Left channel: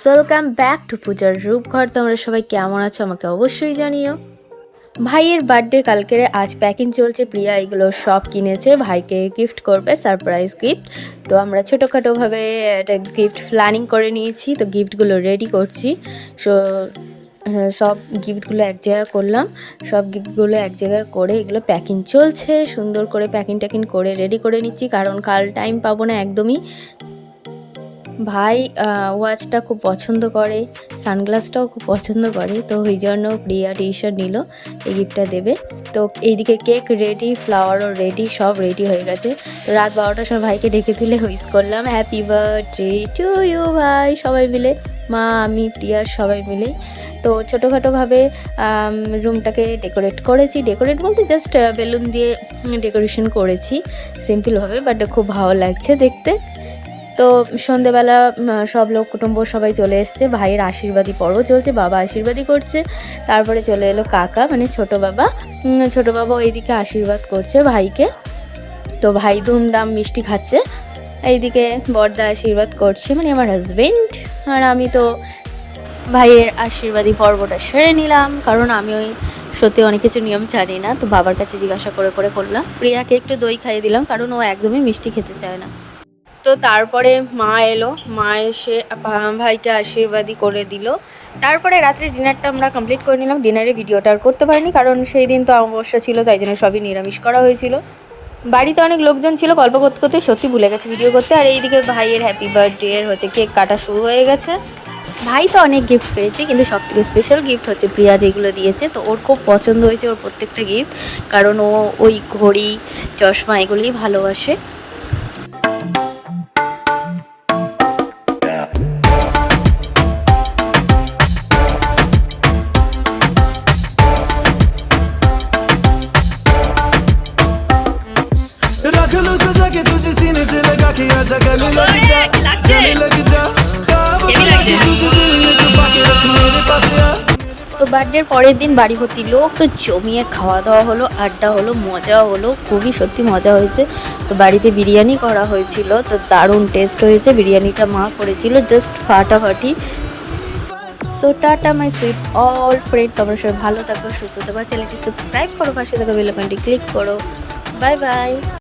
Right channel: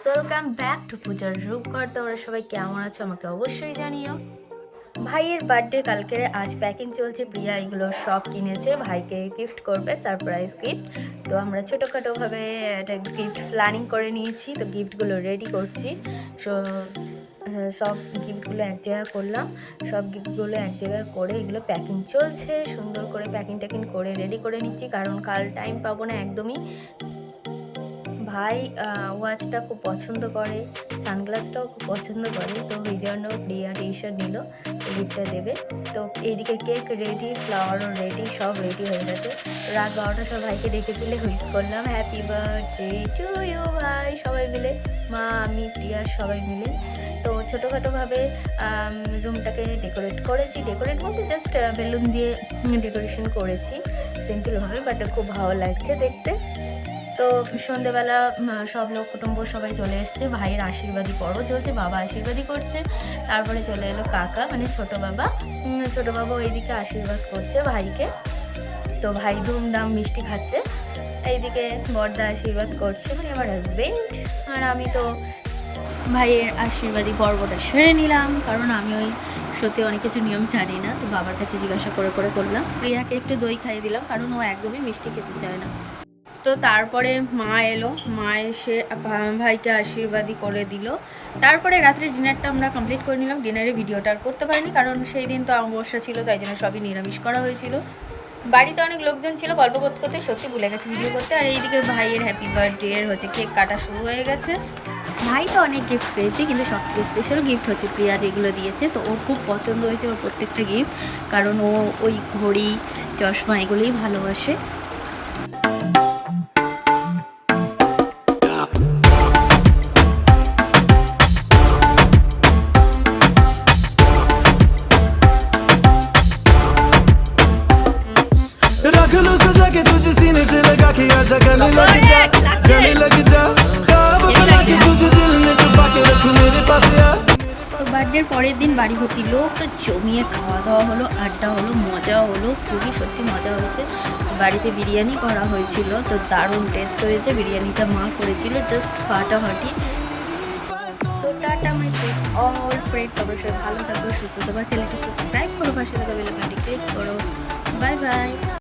Guys, welcome back to পূজার রূপঘর। তোমরা সবাই কেমন আছো আমাকে অবশ্যই জানিও। ভাইয়ের বার্থডে কালকে, আজ প্যাকিং চলছে। প্রিয়া এগুলো সব কিনেছে, ভাইকে গিফট করবে, সারপ্রাইজ গিফট। তো আমরা ছোটোখাটোভাবে একটা গিফট প্ল্যানিং করে নিয়েছি, তো গিফটগুলো রেডি করছি। সো সব গিফটগুলো এক জায়গায় করলাম, সব গিফটগুলো এক জায়গায় করে এগুলো প্যাকিং চলছে। সুন্দর করে প্যাকিং ট্যাকিং করে রেডি করে নিচ্ছি, কারণ কাল টাইম পাবো না একদমই। ভাই ওয়াচটা খুব পছন্দ করে, সানগ্লাসটাও খুব পছন্দ করে, তো ওই জন্য প্রিয়া টি শার্ট নিল, এই গিফটটা দেবে। তো এইদিকে কেক রেডি, ফ্লাওয়ারও রেডি, সব রেডি হয়ে গেছে। তো রাত 12টার সময় ভাইকে ডেকে তুলে হুইস করলাম, হ্যাপি বার্থডে টু ইউ ভাই, সবাই মিলে, মা আমি প্রিয়া সবাই মিলে। তো ছোটোখাটোভাবে রুমটাকে ডেকোরেট করেছি। ডেকোরেট বলতে জাস্ট বেলুন দিয়ে ডেকোরেশন করেছি সিম্পলভাবে, বাট খুব ভালো লাগছে দেখতে। তো সন্ধেবেলা সব লোক কুটুম্ব সবাই চলে এসছে, ভাইয়ের আশীর্বাদী পর্ব চলছে, বাবা আশীর্বাদী করছে। তারপরে চলে এলো কাকা, মানে ছোটো বাবা এইদিকে আশীর্বাদ করছে ভাইকে। তো ভাই ধুমধাম মিষ্টি খাচ্ছে, এইদিকে বড়দা আশীর্বাদ করছে, মানে আমার হাজবেন্ড। আর আমি তো ভাইয়ের আশীর্বাদী পর্বটা সেরে নিলাম, কারণ আমি সত্যি অনেক কিছু নিয়ম জানি না, তো বাবার কাছে জিজ্ঞাসা করে করলাম। প্রিয়াকে একটু দই খাইয়ে দিলাম, কারণ ও একদমই মিষ্টি খেতে চায় না। তো তারপরে মা এলো, মা এসে ভাইকে আশীর্বাদী করে দিল। তারপরে রাত্রে ডিনারটা আমরা কমপ্লিট করে নিলাম। ডিনারে ভিডিওটা আর করতে পারিনি, কারণ সেই দিন তো অমাবস্যা ছিল, তাই জন্য সবই নিরামিষ করা হয়েছিল। বাড়িতে অনেক লোকজন ছিল, গল্প করতে করতে সত্যি ভুলে গেছে ভিডিও করতে। আর এইদিকে ভাইয়ের হ্যাপি বার্থডে এর কেক কাটা শুরু হয়ে গেছে। ভাই তো অনেক গিফট পেয়েছে, কিন্তু সবথেকে স্পেশাল গিফট হচ্ছে প্রিয়া যেগুলো দিয়েছে। তো ওর খুব পছন্দ হয়েছে ওর প্রত্যেকটা গিফট, কারণ ও ওই ঘড়ি চশমা এগুলোই ভালোবাসে। रख लो सजा के तुझे सीने से लगा के आजा, गले लग जा ख्वाब बना के तुझे दिल में छुपा के रख मेरे पास आ। তো বার্থডের পরের দিন বাড়ি ভর্তি লোক, তো জমিয়ে খাওয়া দাওয়া হলো, আড্ডা হলো, মজা হলো, খুবই সত্যি মজা হয়েছে। তো বাড়িতে বিরিয়ানি করা হয়েছিল, তো দারুণ টেস্ট হয়েছে। বিরিয়ানিটা মা করেছিল, জাস্ট ফাটাফাটি। So tata my sweet all friends, অবশ্যই ভালো থাকো, সুস্থ থাকো, চ্যানেলটি সাবস্ক্রাইব করো, পাশে থাকা বেল আইকনটি ক্লিক করো। Bye bye.